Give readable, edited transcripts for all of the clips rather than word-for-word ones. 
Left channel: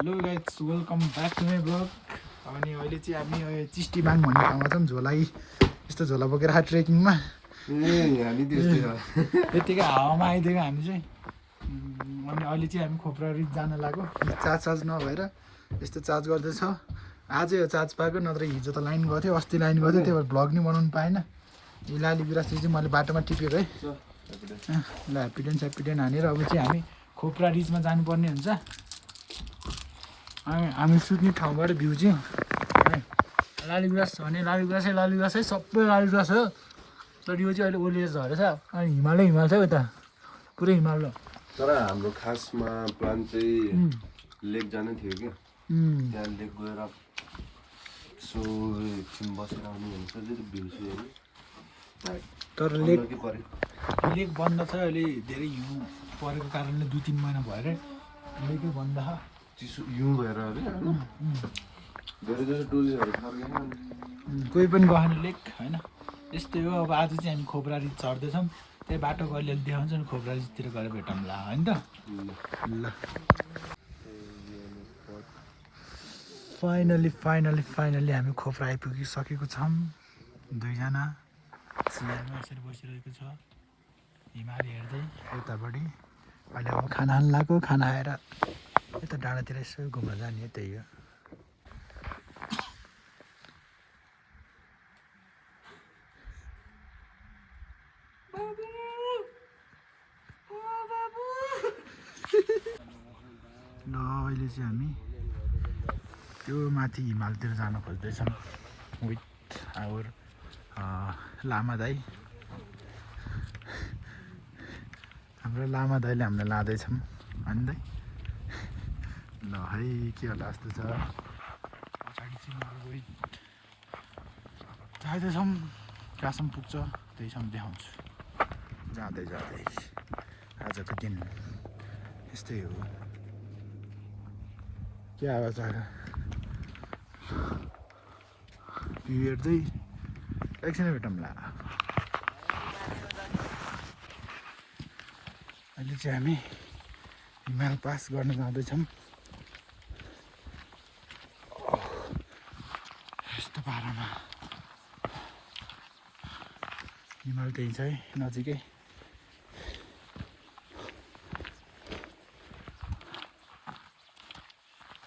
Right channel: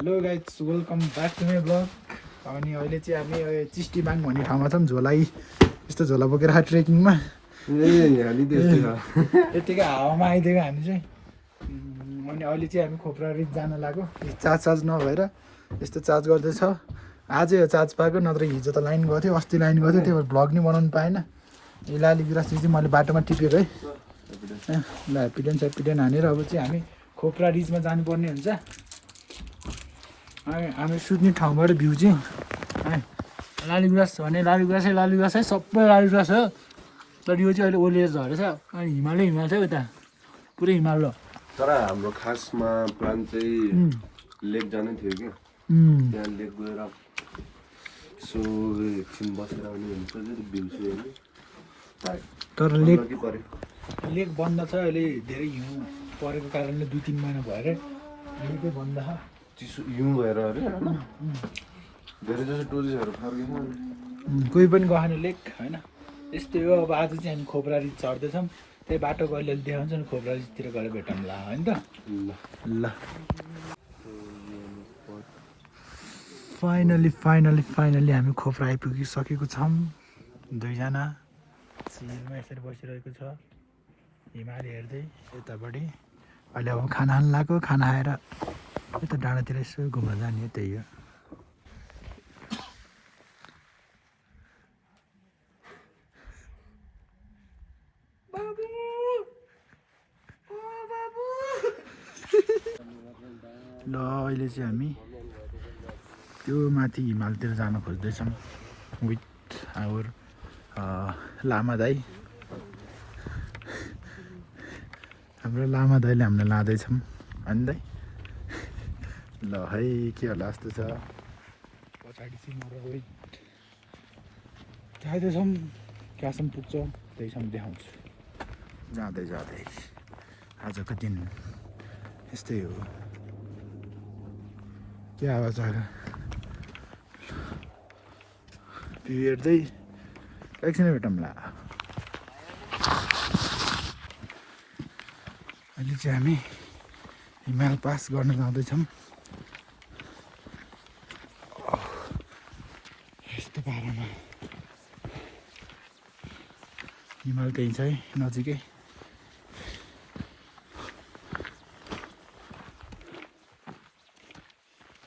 Hello guys welcome back to my vlog. अनि अहिले चाहिँ हामी चिस्टीबाङ भन्ने ठाउँमा छौँ। झोलाई यस्तो झोला बोकेर ट्रेकिङमा यत्तिकै हावामा आइदिएको हामी चाहिँ। अनि अहिले चाहिँ हामी खोप्रा रिच जान लाग्यो। चार्ज नभएर यस्तो चार्ज गर्दैछ। आजै हो चार्ज पाएको, नत्र हिजो त लाइन गएको थियो, अस्ति लाइन गएको थियो, त्यही भएर भ्लग नि बनाउनु पाएन। यो लाली गुराँस चाहिँ मैले बाटोमा टिपेको है। ल ह्याप्पिडेन्ट हानेर अब चाहिँ हामी खोप्रा रिचमा जानुपर्ने हुन्छ। हामी सुत्ने ठाउँबाट भ्यू चाहिँ लाली गुराँस भने लाली गुराँसै सबै लाली गुराँस हो। तर यो चाहिँ अहिले ओलेर झरेछ। अनि हिमाल छ यता पुरै हिमाल हो। तर हाम्रो खासमा प्लान चाहिँ लेक जानै थियो कि त्यहाँ लेक गएर सो एकछिन बसेर आउने हुन्छ त्यो भ्यू चाहिँ। तर लेक बन्द छ अहिले। धेरै हिउँ परेको कारणले 2-3 महिना भएर लेकै बन्द छ। चिसो हिउँ भएर अरे धेरै जसो टुरिस्टहरू फर्केन। कोही पनि गएन लेक होइन। यस्तै हो। अब आज चाहिँ हामी खोप्रा रिच चढ्दैछौँ। त्यही बाटोको अलिअलि देखाउँछ नि। खोप्रा रिचतिर गएर भेटौँला होइन त। ल फाइनली हामी खोप्रा आइपुगिसकेको छौँ। 2जना चियरमा यसरी बसिरहेको छ हिमाल हेर्दै उतापट्टि। अहिले अब खाना खानु लाग्यो। खाना खाएर यता डाँडातिर यसो घुम्न जाने त्यही हो। ल अहिले चाहिँ हामी त्यो माथि हिमालतिर जान खोज्दैछौँ विथ आवर लामा दाई। हाम्रो लामा दाइले हामीलाई लाँदैछौँ होइन दाइ। ल है के होला जस्तो छ। पछाडि चाहिँ म रोहित जाँदैछौँ। कहाँसम्म पुग्छ त्यहीसम्म देखाउँछु। जाँदै आजको दिन यस्तै हो। त्यो आवाज आएर भ्यू हेर्दै एकछिन भेटौँला। अहिले चाहिँ हामी हिमाल पास गर्न जाँदैछौँ। यस्तो पारामा हिमाल त्यही छ है नजिकै।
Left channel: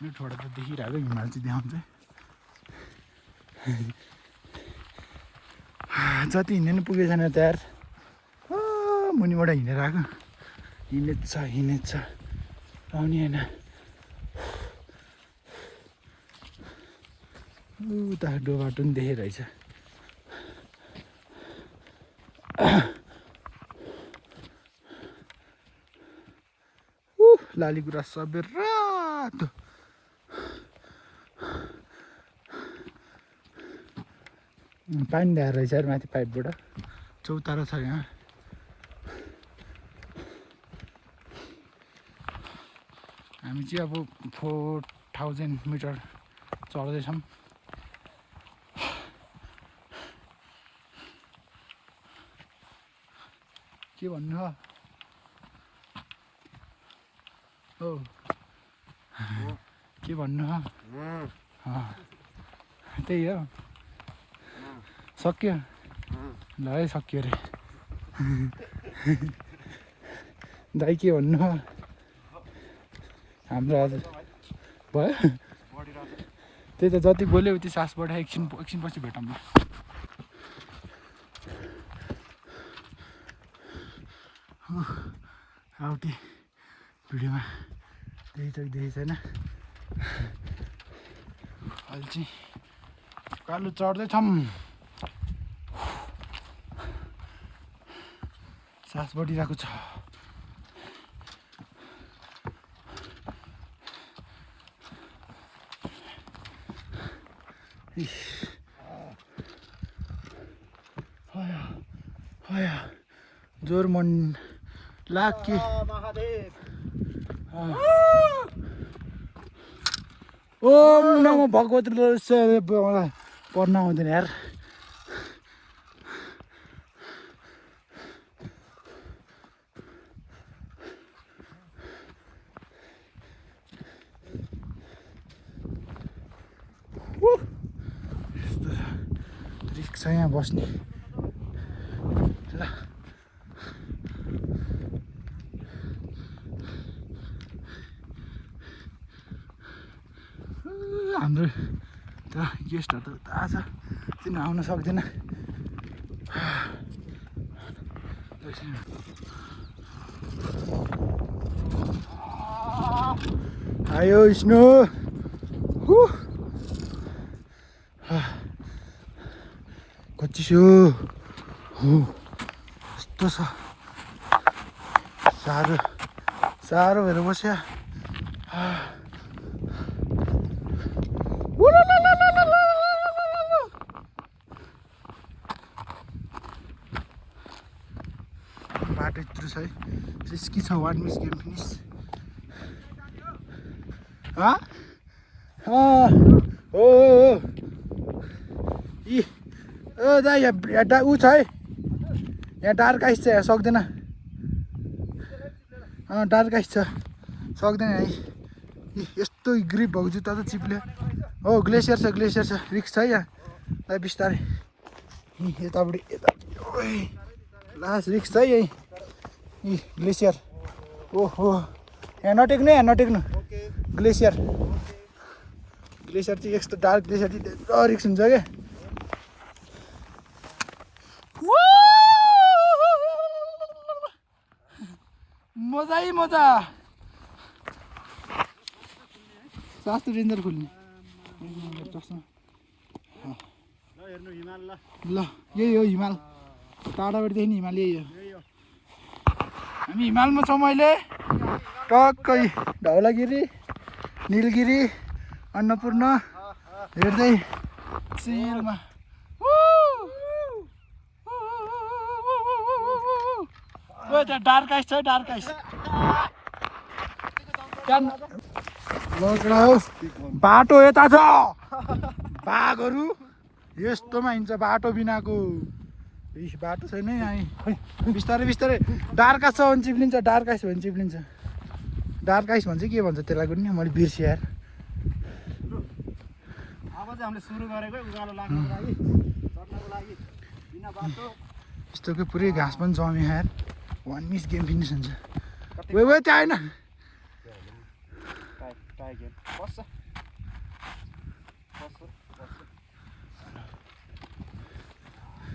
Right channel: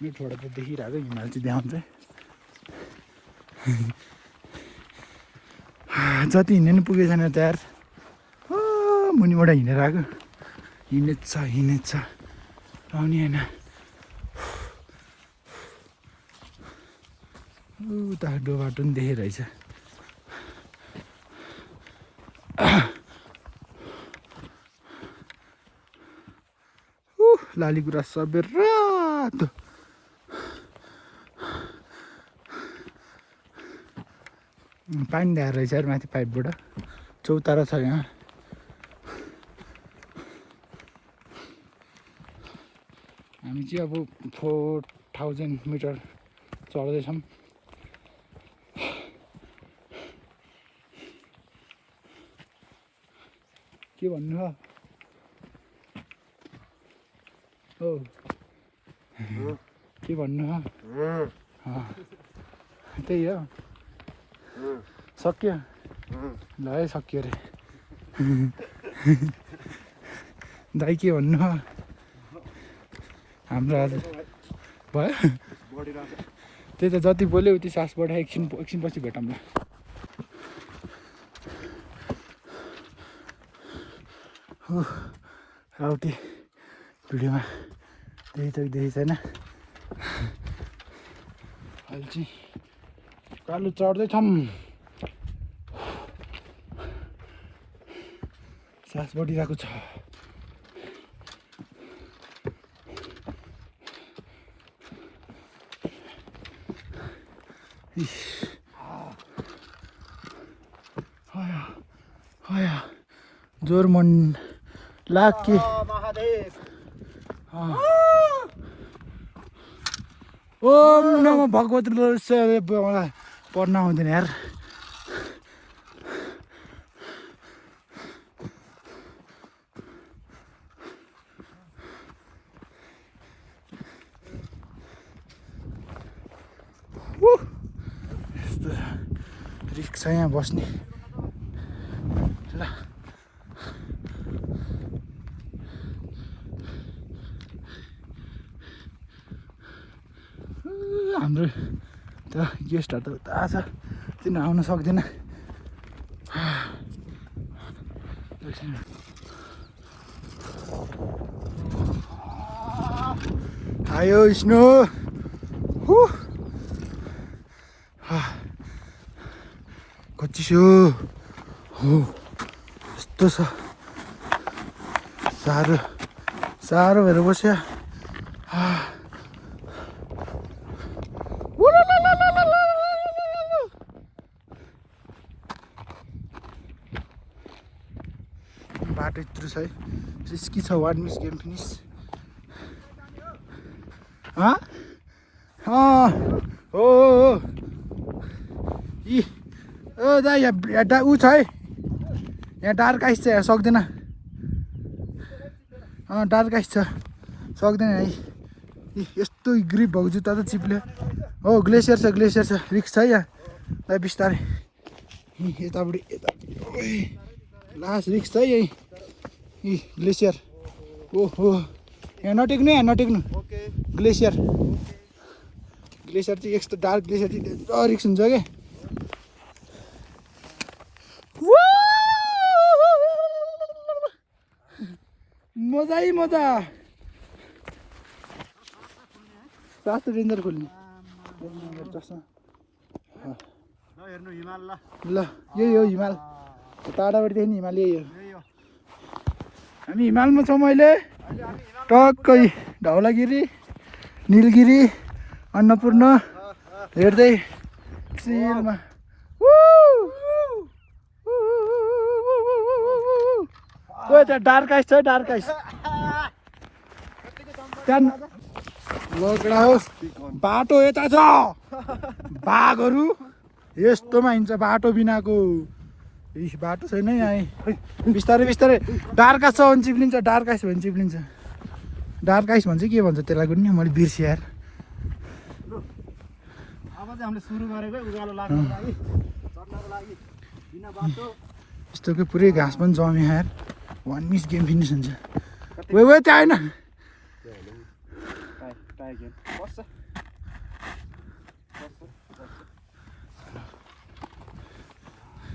यो छोडा त देखिरहेको हिमाल चाहिँ देखाउँछ। जति हिँड्ने नि पुगेको छैन त्यहाँ मुनिबाट हिँडेर आएको। हिँडेछ आउने होइन। उता बाटो पनि देखेरहेछ। लाली गुराँस सबै रातो। पानी ल्याएर रहेछ माथि पाइपबाट। चौतारा छ यहाँ। हामी चाहिँ अब 4000 मिटर चढ्दैछौँ। के भन्नु हो के भन्नु हो। त्यही हो सक्यो। ल है सक्यो अरे। दाइ के भन्नु हो। हाम्रो आज भयो त्यही त जति बोल्यो उति सास बढायो। एकछिन पछि भेटौँला। हो राउटे भिडियोमा देखेको छैन। अहिले चाहिँ कालो चढ्दैछौँ। सास बढिरहेको छ। जोर मन लाके ओम नमो भगवती पढ्न आउँदैन यार। रिस्क छ यहाँ बस्ने ल हाम्रो त गेस्टहरू त उता छ किन आउन सक्दैन आयो स्नो कच्चिसो हो यस्तो छ साह्रो साह्रो भएर बस्यो बाटो यत्रो छ है रिस्की छ 1 मिस गेम फिनिस हो दा यहाँ ऊ छ है यहाँ डार्क आइस छ यहाँ सक्दैन डार्क आइस छ सक्दैन है यस्तो ग्रिप भएको जुत्ता त चिप्ल्यो हो ग्लेसियर छ रिक्स छ है यहाँ बिस्तारै यतापट्टि यता लास्ट रिक्स छ है यही ग्लेसियर ओहो यहाँ नटेक्नु ग्लेसियर चाहिँ यस्तो डार्क ग्लेसियर चाहिँ रिक्स हुन्छ क्या मजा सास त डेन्जर खोल्नु ल यही हो हिमाल टाढाबाट देख्ने हिमाल यही हो हामी हिमालमा छौँ अहिले टक्कै धौलागिरी निलगिरी अन्नपूर्ण हेर्दै चिलमा त्यहाँ डार्क आइस छ डार्क आइस त्यहाँ बाटो यता छ बाघहरू यस्तोमा हिँड्छ बाटो बिनाको बाटो छैन है यहाँ बिस्तारै डार्क आइस छ भने चिप्लिन्छ डार्क आइस भने चिप्लिन्छ डार्क आइस भन्छ के भन्छ त्यसलाई पनि मैले बिर्सेँ यार यस्तोको पुरै घाँस पनि जम्यो यार 1 मिस गेम फिनिस हुन्छ वे त्यहाँ होइन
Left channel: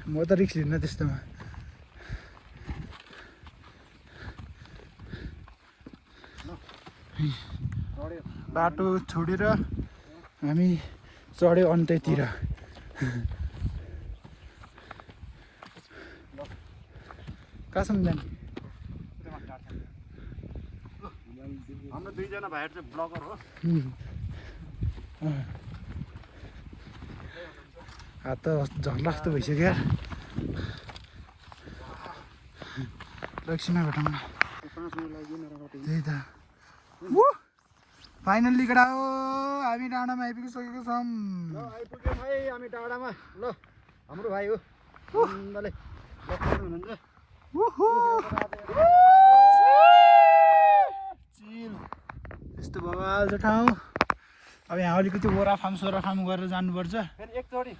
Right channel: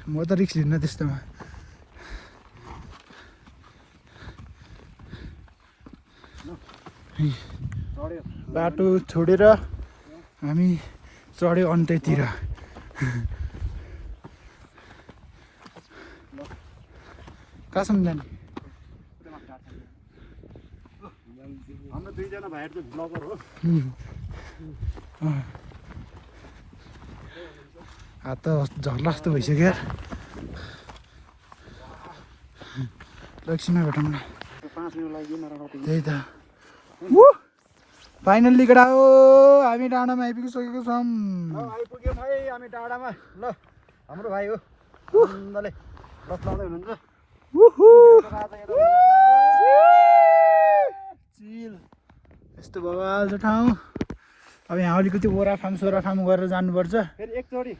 म त रिक्स लिन्न त्यस्तोमा बाटो छोडेर हामी चढ्यो अन्त्यतिर कहाँसम्म जाने हाम्रो दुईजना भाइहरु चाहिँ ब्लगर हो हात त झर्ला जस्तो भइसक्यो लक्षिणा भेटौँला त्यही त फाइनल्ली केटा हो हामी डाँडामा आइपुगिसकेको छौँ आइपुग्यौँ है हामी डाँडामा ल हाम्रो भाइ हो आनन्दले बस्दै हुनुहुन्छ चिल यस्तो बवाल छ ठाउँ अब यहाँ अलिकति ओराफाम सोराफाम गरेर जानुपर्छ फेरि एकचोटि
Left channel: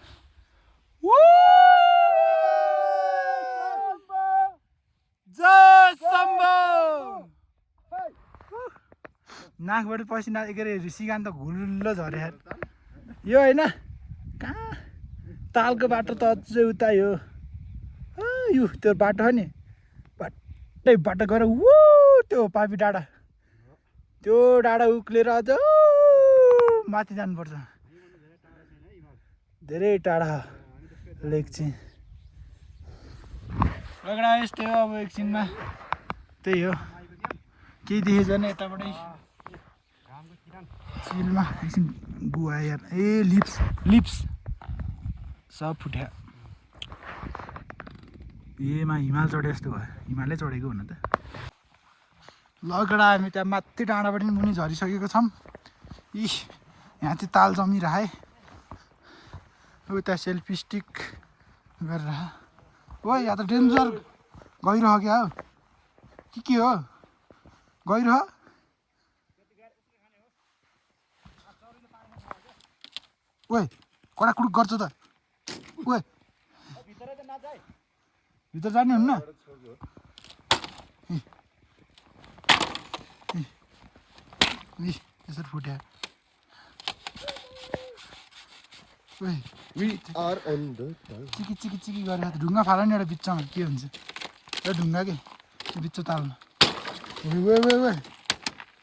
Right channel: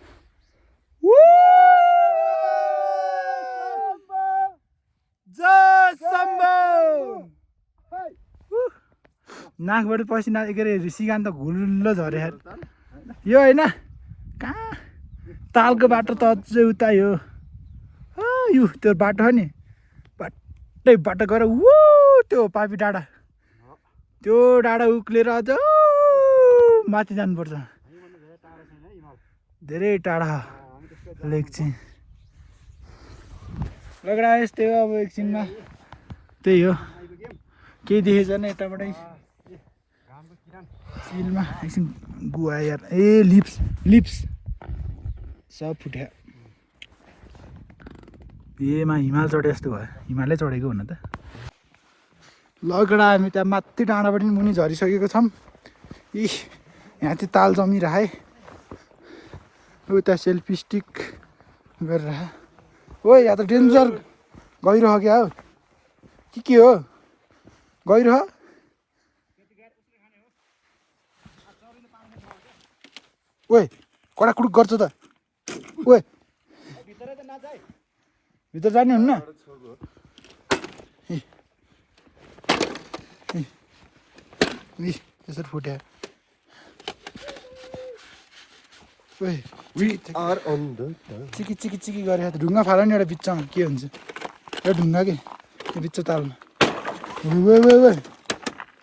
नाकबाट पसिना के अरे सिगान त घुल्लो झऱ्यो यो होइन कहाँ तालको बाटो त अझै उता यो यो त्यो बाटो हो नि बाटै बाटो गएर त्यो पापी डाँडा त्यो डाँडा उक्लेर अझ माथि जानुपर्छ धेरै टाढा लेख्छ लगडा यस्तै हो अब एकछिनमा त्यही हो केही देखेछ भने यताबाटै चिलमा एकछिन गुवा यार ए लिप्स सब फुट्यो एमा हिमाल चढे जस्तो भयो हिमालै चढेको हुन त लगडा हामी त्यहाँ माथि डाँडाबाट मुनि झरिसकेको छौँ यहाँ चाहिँ ताल जमिरहे उता सेल्फी स्टिक गरेर ओ यहाँ त डेन्जर गइरह क्या हो के हो गइरह ओए कडा कुडुक गर्छ त ओए भित्र जानुहुन्न यसरी फुट्यो चिकी चिकी चिकी गरेर ढुङ्गा फाल नि एउटा बिचमा के हुन्छ एउटा ढुङ्गा के त्यो बिच तालमा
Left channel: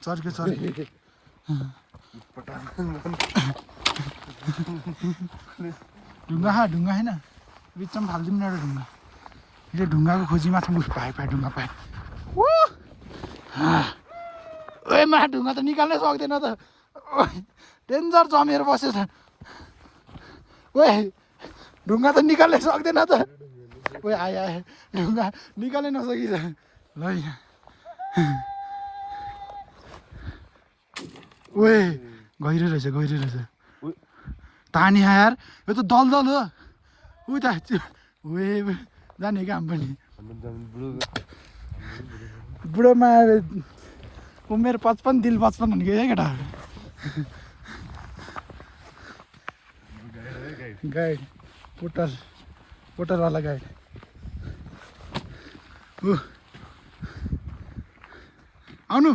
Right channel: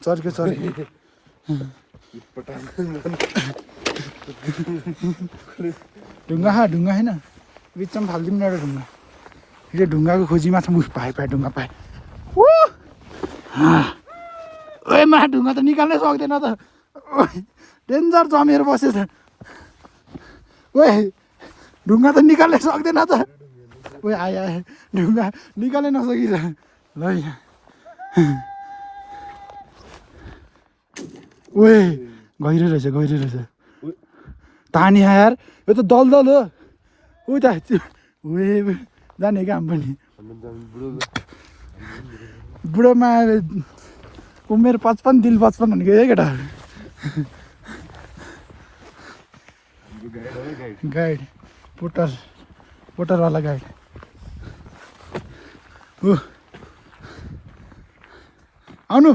चर्क्यो चर्क्यो ढुङ्गा होइन बिचमा फालिदिउँ न एउटा ढुङ्गा यो ढुङ्गाको खोजीमा छ पाएँ ढुङ्गा पाएँ ओए मा ढुङ्गा त निकाल्नै सक्दैन त डेन्जर जमेर बसेछ ओए ढुङ्गा त निकाल्नै सक्दैन त ओए आयो ढुङ्गा निकाल्नै नसकिन्छ ल ओए गहिरो रहेछ तानी यार यो त दलदल हो ऊ त ओए जाने काम पनि बुढोमा उमेर 55 दिल 55 भनेको है केटा गाइड पोटरवाला गाइड हो आउनु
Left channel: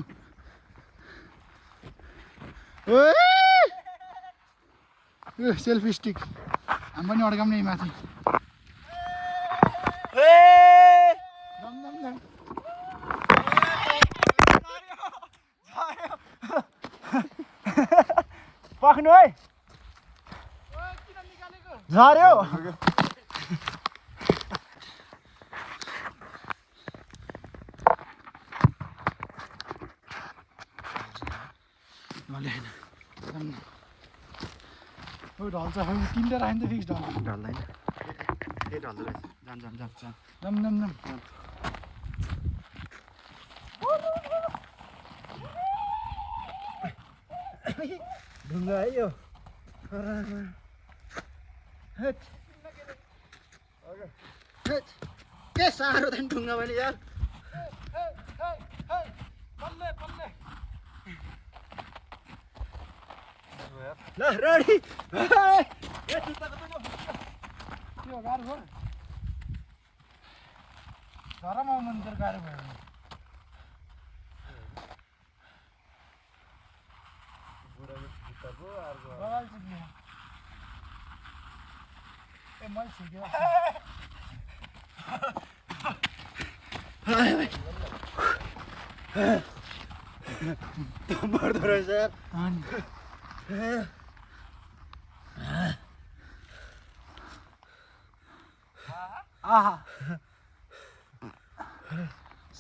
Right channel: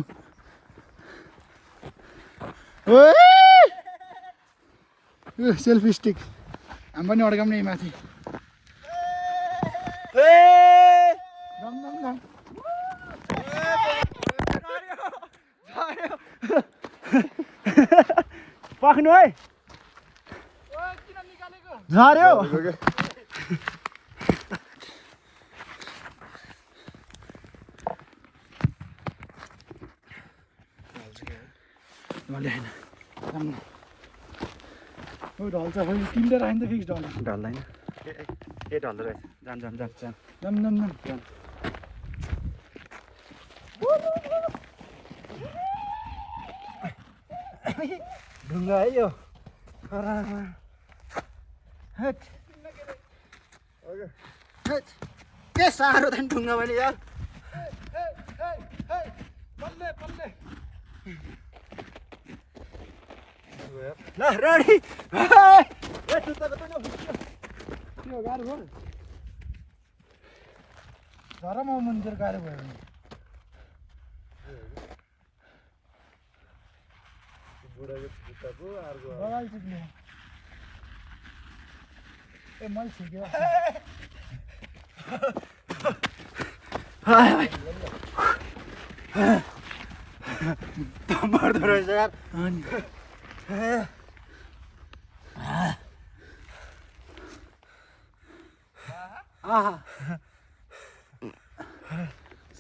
सेल्फी स्टिक हामी पनि अड्काउने माथि पख्नु है झर्यो ढल्छ फेरि तिनवटा राख्यो नि त फिक्स ढल्दैन ए ढल्दो रहेछ जान ढुङ्गा है यो के साह्रो त ढुङ्गा मैले यार ल रेडी गाह्रो भयो झरमा मन्दिर गाह्रो भयो भने बगाल चिप्ने ए मैले छिक्यो मर्दो रहेछ यार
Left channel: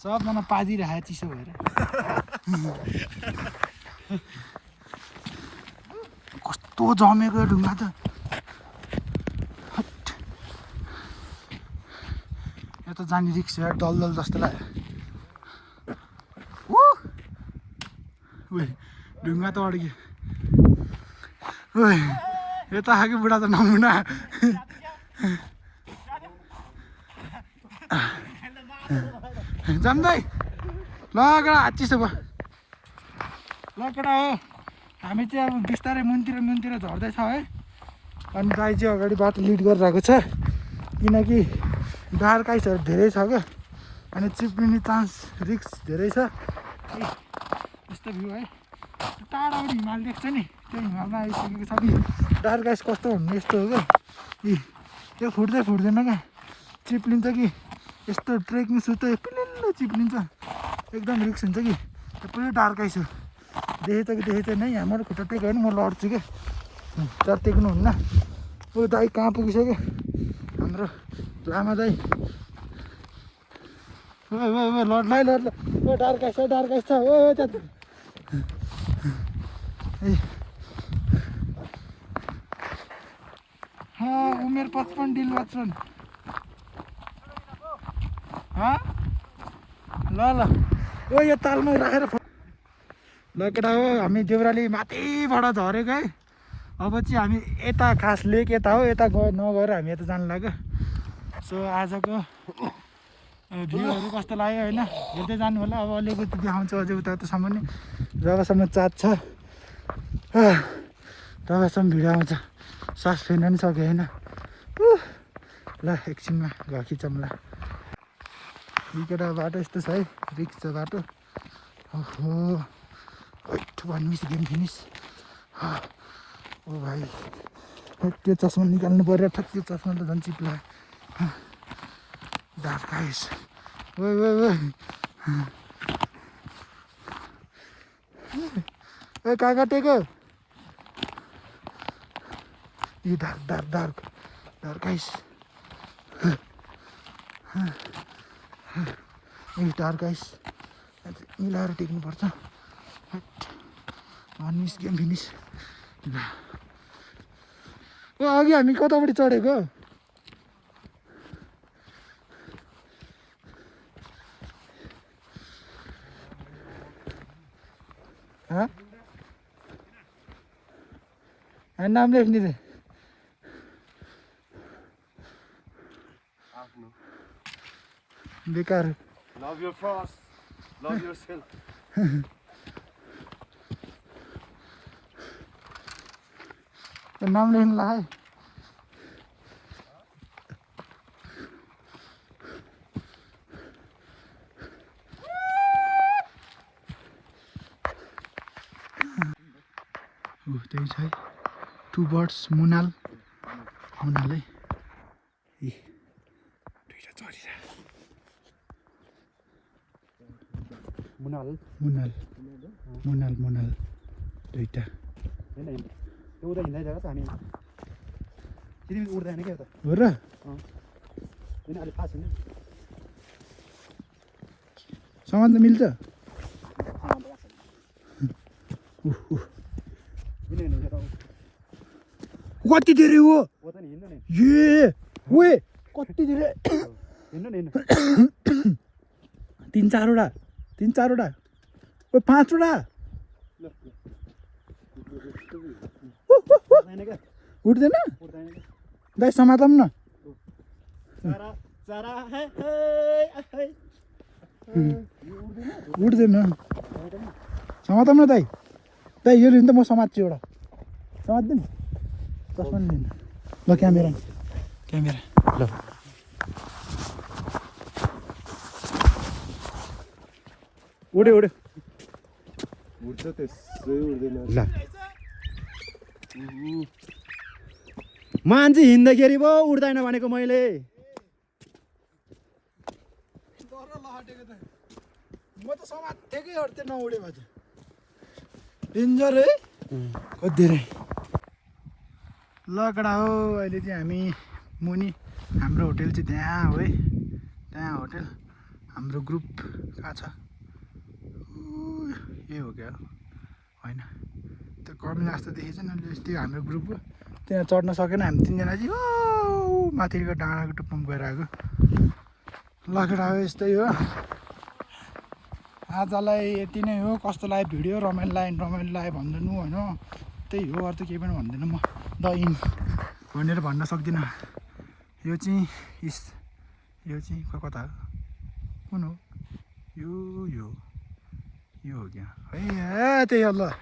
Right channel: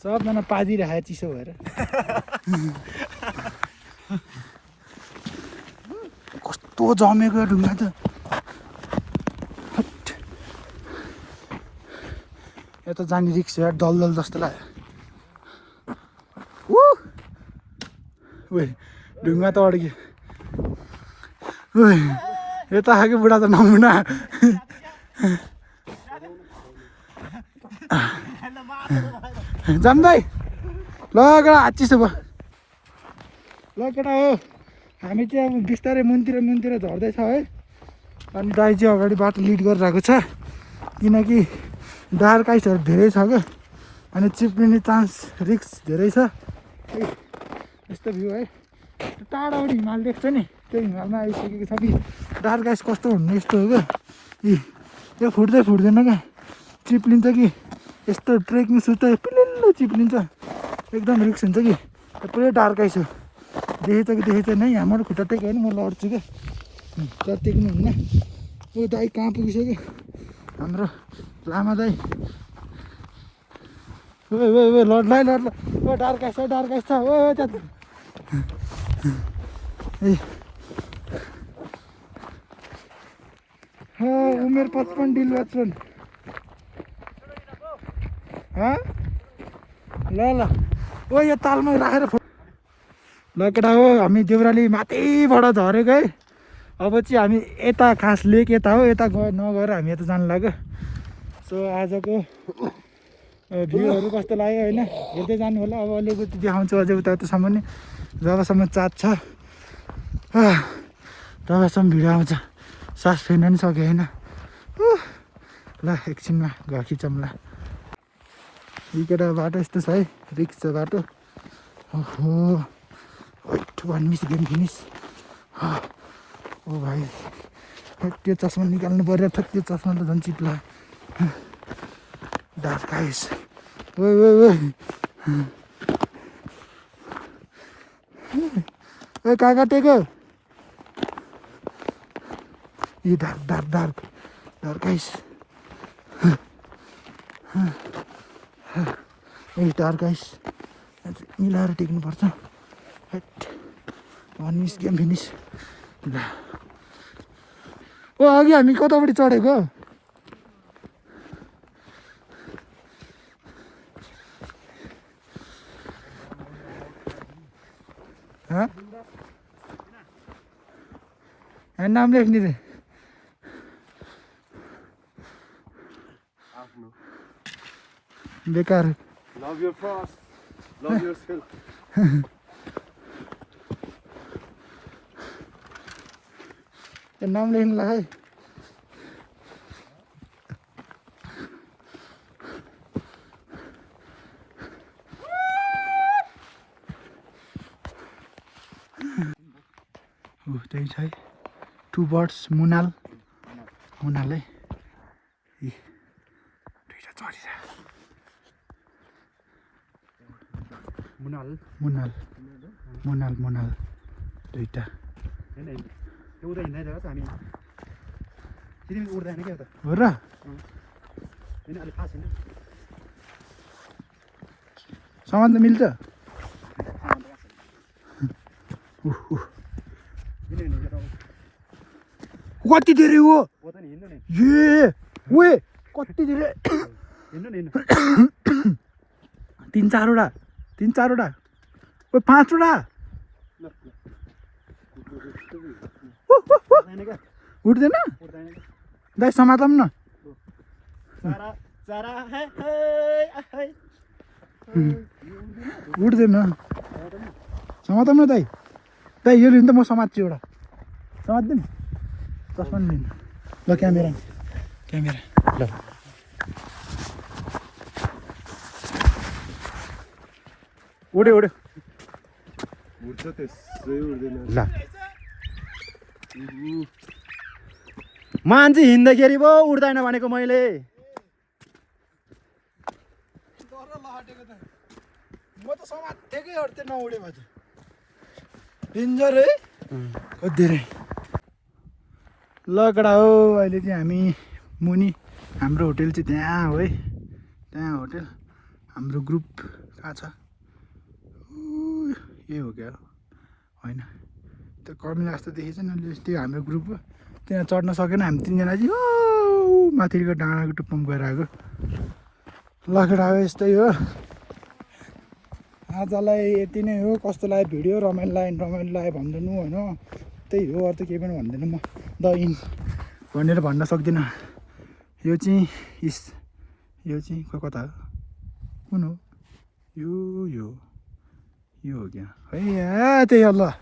सबजना पादिरहेको चिसो भएर कस्तो जमेको ढुङ्गा त यता जाने रिक्स यार दलदल जस्तो लाग्यो ढुङ्गा त अड्क्यो यता आएको बुढा त नमुना जान्दै ल केटा चिसो भयो ल केटा हो हामी चाहिँ अब बिस्तारै मुनतिर झर्दैछ है अनि दाइ चाहिँ अगाडि बाटो लिड गरिरहेको छ किनकि डार्क आइसहरू धेरै छ क्या अनि चिप्लिने चान्स रिक्स धेरै छ है यस्तो भ्यू है टाढाबाट हिमाल देख्छ नि त्यो हिमालमा आइसकेको छ कि डार्क आइस कस्तो हुनु यस्तो हो क्या यो फुट्दैन क्या चिप्लिन्छ कि यस्तो ट्रेकिङ सुज त पिलिल्लो चिप्लिन्छ एकदम रिक्स हुन्छ कि पुरै डार्क आइस हो देखेछ नै हाम्रो खुट्टा टेक्यो भने म लड्छु क्या तर टेक्नुहुन्न ऊ दाइ कहाँ पुगिसक्यो हाम्रो लामा दाइ लड्ला ओ डार्क आइस छ ओ उमेर 55 डिल 55 ल ओ यो तालमा राखेर ल केटा हो हामी देउराली माथिबाट झरेको है अब चाहिँ हामी यता खास लेक यता हो यता नगएर हामी यता जानु लाग्यो सो आजको भ्यूहरू कस्तो लाग्यो होइन हेर्दै जानु होला अब अलिकति देखाउँछु अझै उतासम्म नि जबसम्म चाट छ तबसम्म भिडियो आउँछ सास फेर्न पनि सक्यो होइन ल एकछिनमा घर खिचौँ ल यो केटा बाटो यस्तो छ है, रिक्स छ बाटो। ओहो वान मिस गेम फिनिस। ओ भाइ त्यो चस्मा निकाल्नु पर्यो, ठ्याक त्यो चस्मा त झन् चिप्ला। डार्क आइस ओ कहाँ काटेको यो dark dark dark dark ice dark ice मिलाएर टेक्नुपर्छ। One miss game finish. ल ओ अघि हामी कतापट्टि चढेको नाम लेख्ने रे बेकार। Love your frost. Love yourself. नाम लेख्नु लाग्यो त्यही छ है। टु बर्ड्स मुनाल मुनाल है दुईवटा चढिरहेको मुनाल मुनाल मुनाल मुनाल दुईवटा होइन त्यो उता हिँड्दै हामी सिधै उड्दैन क्या त हो र होइन अलिक फास्ट हिँड्नु सामान त मिल्छ कति धेरै हो हो त नि हिँड्नु नि ए ओए कति धेरै हिँड्नु नि हिँड्नु तिन चारवटा ओ पाँचवटा उड्दैन क्या उठ्दैन उड्दैन क्या दाइ समातौँ न चरा चरा हे हे उठ्दैन समातौँ न दाइ दाइ यो लिनु त म समात्छु एउटा समात्दिउँ चस्मा नि लिनु ल क्यामेरा ल उड्यो उड्छ त्यसै उड्दैन। ल मान्छे हिँड्दाखेरि पो उड्दैन भनेको मैले म त समातेकै अर्थै नउड्यो भए त डेन्जर है कति धेरै ल कडा हो। अहिले चाहिँ हामी मुनि हाम्रो होटेल चाहिँ त्यहाँ हो है, त्यहाँ होटेल हाम्रो ग्रुप कहाँ छ यही हो क्या होइन त्यो कमिला जस्तो देखेछ नि त्यो हाम्रो ग्रुप त्यहाँ चढ्न सकेन हामी तिनजना चाहिँ ओ माथिको डाँडाको टुप्पोमा गएर आएको। ल कडा हो यस्तै हो आजलाई यति नै हो। कस्तो लाग्यो भिडियो रमाइलो लाग्यो भन्दैनु होइन त्यही हो अरू त केही पनि भन्दैन म द इन भनेर भन्न सक्दिनँ। यो चाहिँ कता हो कुन हो यो हो क्या है त्यही हो ल।